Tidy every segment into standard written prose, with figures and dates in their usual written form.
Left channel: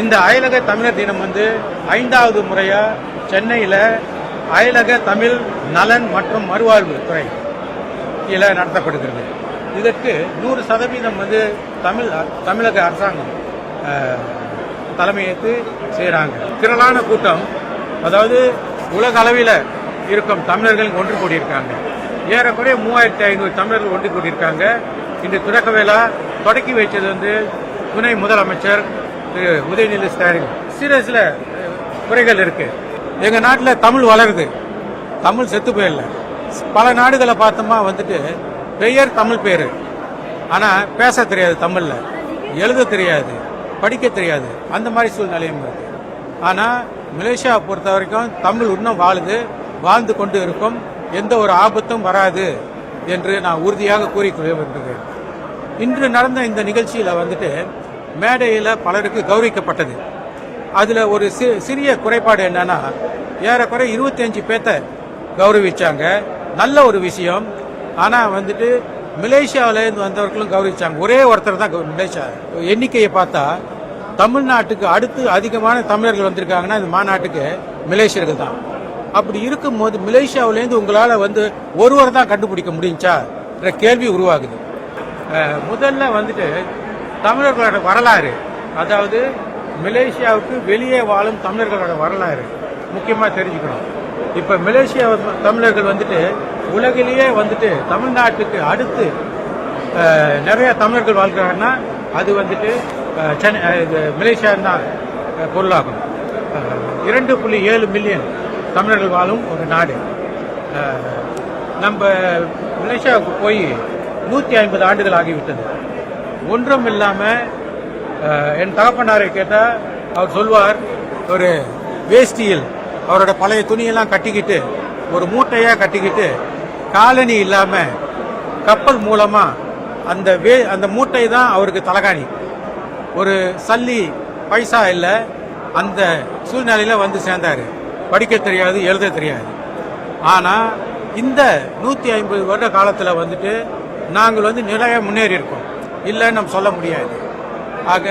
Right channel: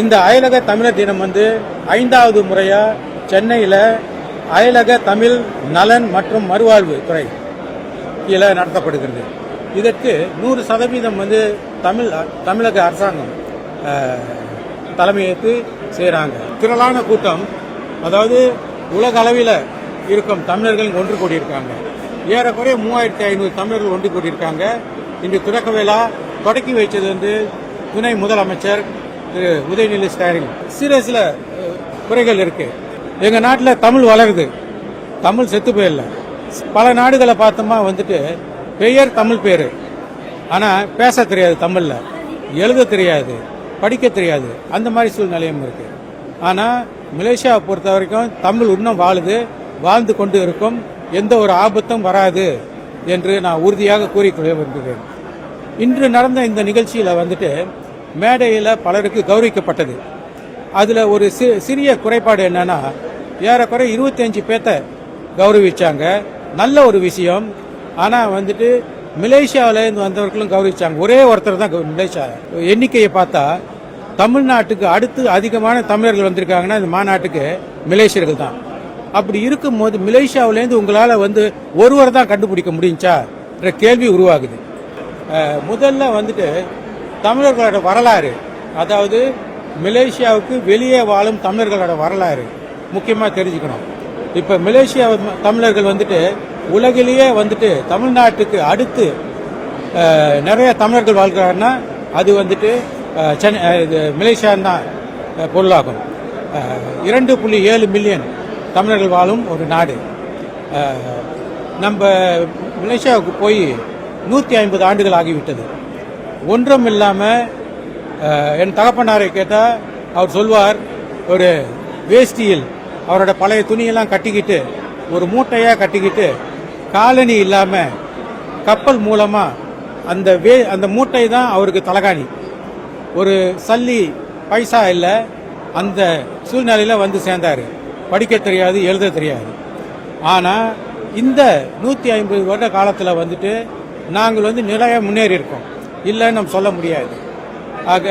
இந்த அயலக தமிழர் தினம் வந்து 5வது முறையா சென்னையில் அயலக தமிழ் நலன் மற்றும் மறுவாழ்வு துறை கீழே நடத்தப்படுகிறது. இதற்கு 100% வந்து தமிழக அரசாங்கம் தலைமையேற்று செய்கிறாங்க. திரளான கூட்டம், அதாவது உலக அளவில் இருக்கும் தமிழர்கள் ஒன்று கூடியிருக்காங்க. ஏறக்குறைய 3500 தமிழர்கள் ஒன்று கூடியிருக்காங்க. இன்று தொடக்க விழா தொடக்கி வைத்தது வந்து துணை முதலமைச்சர் திரு உதயநிதி ஸ்டாலின். சில குறைகள் இருக்கு. எங்க நாட்டில் தமிழ் வளருது, தமிழ் செத்து போயிடல. பல நாடுகளை பார்த்தோமா வந்துட்டு பெயர் தமிழ் பேரு, ஆனா பேச தெரியாது, தமிழ்ல எழுத தெரியாது, படிக்க தெரியாது. அந்த மாதிரி சூழ்நிலையும் இருக்கு. ஆனா மலேசியாவை பொறுத்த வரைக்கும் தமிழ் இன்னும் வாழுது, வாழ்ந்து கொண்டு இருக்கும். எந்த ஒரு ஆபத்தும் வராது என்று நான் உறுதியாக கூறிக்கொள்ள விரும்புகிறேன். இன்று நடந்த இந்த நிகழ்ச்சியில வந்துட்டு மேடையில் பலருக்கு கௌரவிக்கப்பட்டது. அதுல ஒரு சிறிய குறைபாடு என்னன்னா, ஏறக்குறை 25 பேர்த்த கௌரவிச்சாங்க. நல்ல ஒரு விஷயம். ஆனா வந்துட்டு மலேசியாவிலேருந்து வந்தவர்களும் கௌரவிச்சாங்க. ஒரே ஒருத்தர் தான் மலேசியா. எண்ணிக்கையை பார்த்தா தமிழ்நாட்டுக்கு அடுத்து அதிகமான தமிழர்கள் வந்திருக்காங்கன்னா இந்த மாநாட்டுக்கு மலேசியர்கள் தான். அப்படி இருக்கும்போது மலேசியாவிலேருந்து உங்களால வந்து ஒருவர் தான் கண்டுபிடிக்க முடிஞ்சா என்ற கேள்வி உருவாகுது. முதல்ல வந்துட்டு தமிழர்களோட வரலாறு, அதாவது மலேசியாவுக்கு வெளியே வாழும் தமிழர்களோட வரலாறு முக்கியமாக தெரிஞ்சுக்கணும். இப்போ மலேசியா தமிழர்கள் வந்துட்டு உலகிலேயே வந்துட்டு தமிழ்நாட்டுக்கு அடுத்து நிறைய தமிழர்கள் வாழ்கிறாங்கன்னா அது வந்துட்டு மலேசியா தான் பொருளாகும். 2.7 மில்லியன் தமிழர்கள் வாழும் ஒரு நாடு. நம்ம மலேசியாவுக்கு போய் 150 ஆண்டுகள் ஆகிவிட்டது. ஒன்றும் இல்லாமல் என் தகப்பனாரை கேட்டால் அவர் சொல்வார், ஒரு வேஷ்டியில் அவரோட பழைய துணியெல்லாம் கட்டிக்கிட்டு ஒரு மூட்டையாக கட்டிக்கிட்டு காலனி இல்லாமல் கப்பல் மூலமாக அந்த மூட்டை தான் அவருக்கு தலகாணி. ஒரு சல்லி பைசா இல்லை. அந்த சூழ்நிலையில் வந்து சேர்ந்தார். படிக்க தெரியாது, எழுத தெரியாது. ஆனால் இந்த 150 வருட காலத்தில் வந்துட்டு நாங்கள் வந்து நிறைய முன்னேறி இருக்கோம், இல்லைன்னு நம்ம சொல்ல முடியாது. ஆக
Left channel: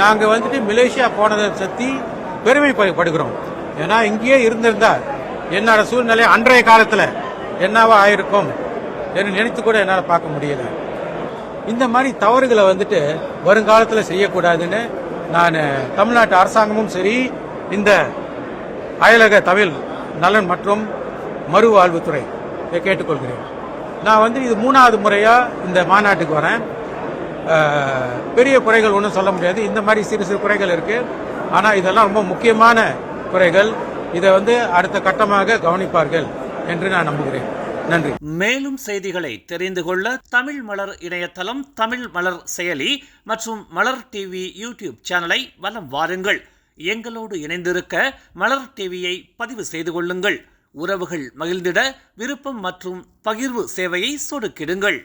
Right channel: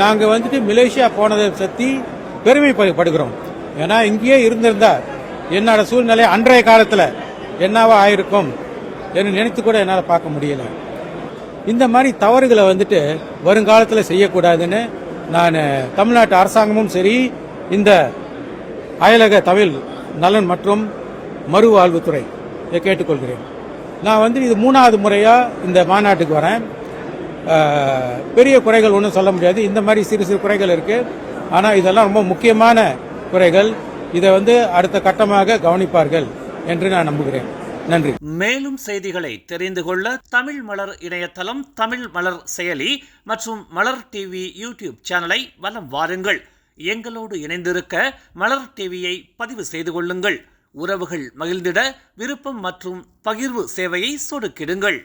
நாங்கள் வந்துட்டு மலேசியா போனதை பற்றி பெருமைப்படுகிறோம். ஏன்னா இங்கேயே இருந்திருந்தா என்னோட சூழ்நிலை அன்றைய காலத்தில் என்னவா ஆயிருக்கும் என்று நினைத்து கூட என்னால் பார்க்க முடியல. இந்த மாதிரி தவறுகளை வந்துட்டு வருங்காலத்தில் செய்யக்கூடாதுன்னு நான் தமிழ்நாட்டு அரசாங்கமும் சரி, இந்த அயலக தமிழ் நலன் மற்றும் மறுவாழ்வுத்துறை கேட்டுக்கொள்கிறேன். நான் வந்து இது 3வது முறையா இந்த மாநாட்டுக்கு வரேன். பெரிய குறைகள் ஒன்றும் சொல்ல முடியாது. இந்த மாதிரி சிறு குறைகள் இருக்கு. ஆனா இதெல்லாம் ரொம்ப முக்கியமான குறைகள். இதை வந்து அடுத்த கட்டமாக கவனிப்பார்கள் என்று நான் நம்புகிறேன். நன்றி. மேலும் செய்திகளை தெரிந்து கொள்ள தமிழ் மலர் இணையதளம், தமிழ் மலர் செயலி மற்றும் மலர் டிவி யூடியூப் சேனலை வலம் வாருங்கள். எங்களோடு இணைந்திருக்க மலர் டிவியை பதிவு செய்து கொள்ளுங்கள். உறவுகள் மகிழ்ந்திட விருப்பம் மற்றும் பகிர்வு சேவையை சொடுக்கிடுங்கள்.